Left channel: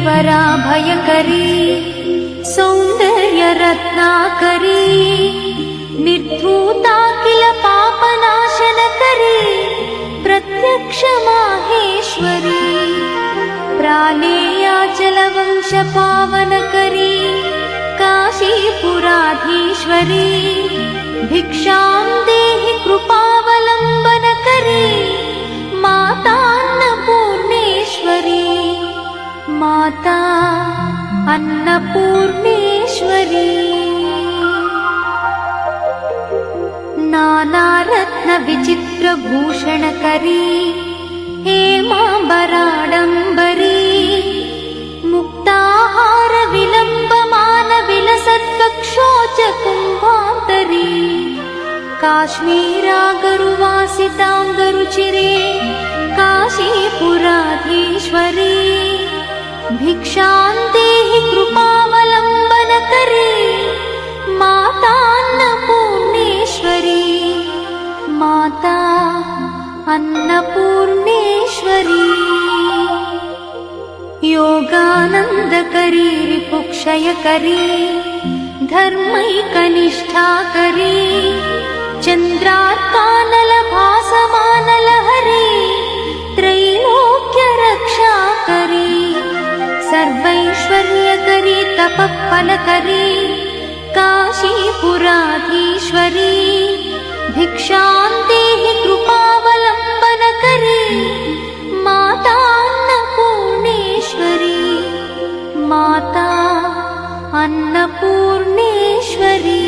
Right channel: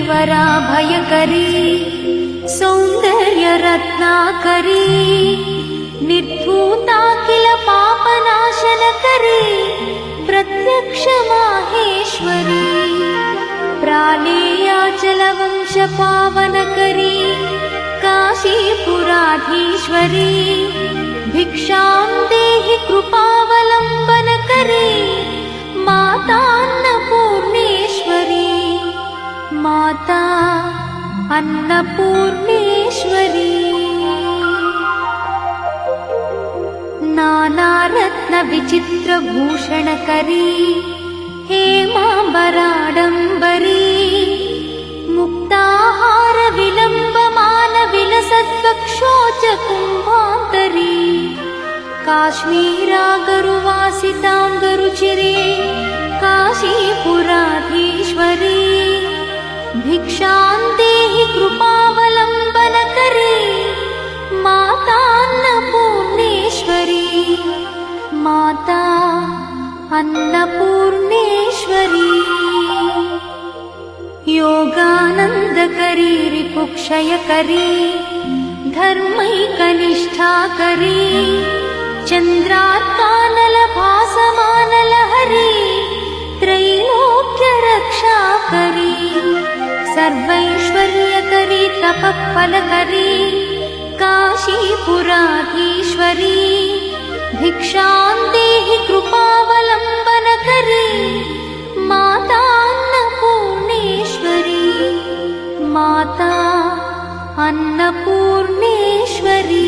करीवरा भयकरी सौंदर्य रत्नाकरी निर्धूता किल पापनाशनकरी प्रत्यक्ष माहेश्वरी प्राणेयाचलवंश पावनकरी काशीपुराधीश्वरी भिक्षां देहि कृपावलम्बनकरी मातान्नपूर्णेश्वरी माता अन्नपूर्णेश्वरी नानारत्न विचित्रभूषणकरी हेमाम्बराडम्बरी मुक्ताहार विलम्बमान विलसत्कक्षोच कुम्भान्तरी काश्मीरागरुवासिताङ्गरुचिरे काशीपुराधीश्वरी भिक्षां देहि कृपावलम्बनकरी मातान्नपूर्णेश्वरी माता अन्नपूर्णेश्वरी योगानन्दकरी विपुक्षयकरी धर्मैकनिष्ठाकरी चन्द्रात्मानलभासमानलहरी त्रैलोक्यरक्षाकरी सर्वैश्वर्यकरी तपःफलकरी काशीपुराधीश्वरी भिक्षां देहि कृपावलम्बनकरी मातान्नपूर्णेश्वरी माता अन्नपूर्णेश्वरी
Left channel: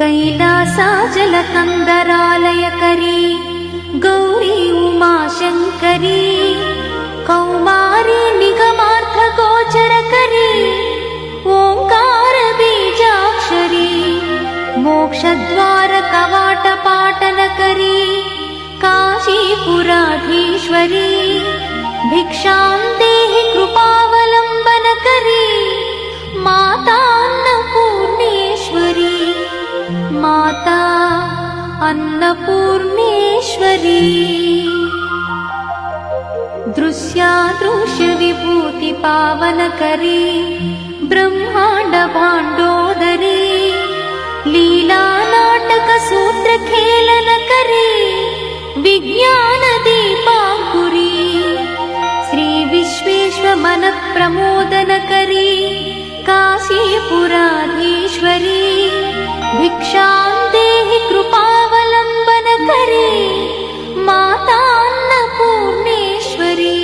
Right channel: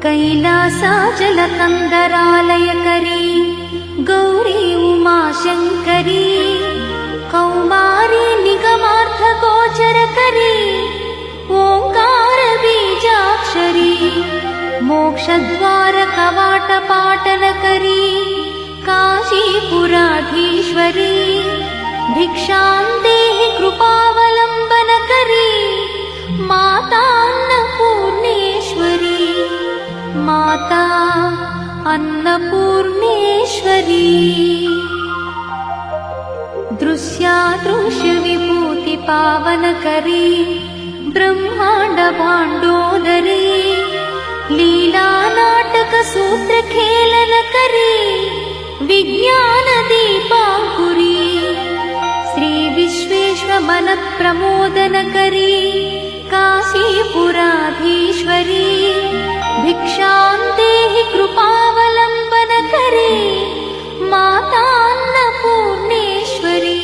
कैलासाचलकन्दरालयकरी गौरी उमाशङ्करी कौमारी निगमार्थगोचरकरी ओङ्कारबीजाक्षरी मोक्षद्वारकवाटपाटनकरी काशीपुराधीश्वरी भिक्षां देहि कृपावलम्बनकरी मातान्नपूर्णेश्वरी माता अन्नपूर्णेश्वरी दृश्यादृश्यविभूतिपावनकरी ब्रह्माण्डभाण्डोदरी लीलानाटकसूत्रखेलनकरी विज्ञानदीपाङ्कुरी श्रीविश्वेश्वरमनःप्रमोदनकरी काशीपुराधीश्वरी भिक्षां देहि कृपावलम्बनकरी मातान्नपूर्णेश्वरी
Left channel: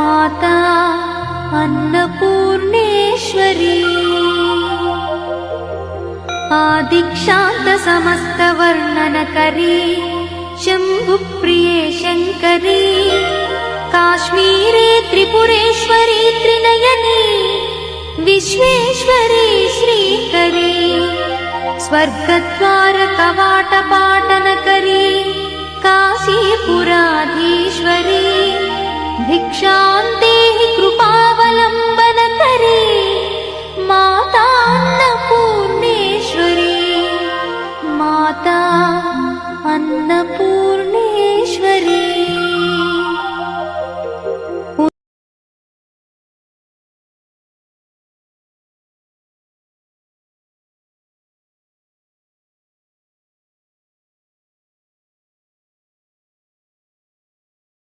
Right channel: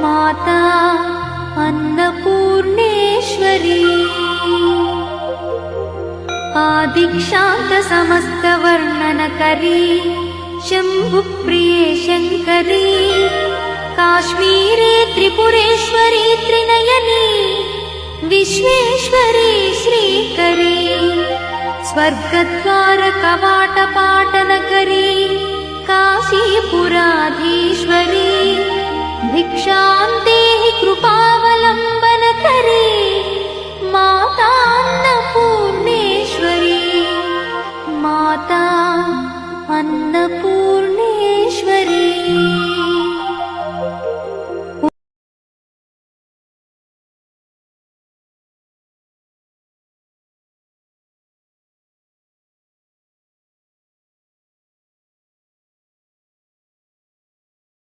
माता अन्नपूर्णेश्वरी आदिक्षान्तसमस्तवर्णनकरी शम्भुप्रिये शङ्करी काश्मीरी त्रिपुरेश्वरी त्रिनयनी विश्वेश्वरी श्रीकरी स्वर्गद्वारकवाट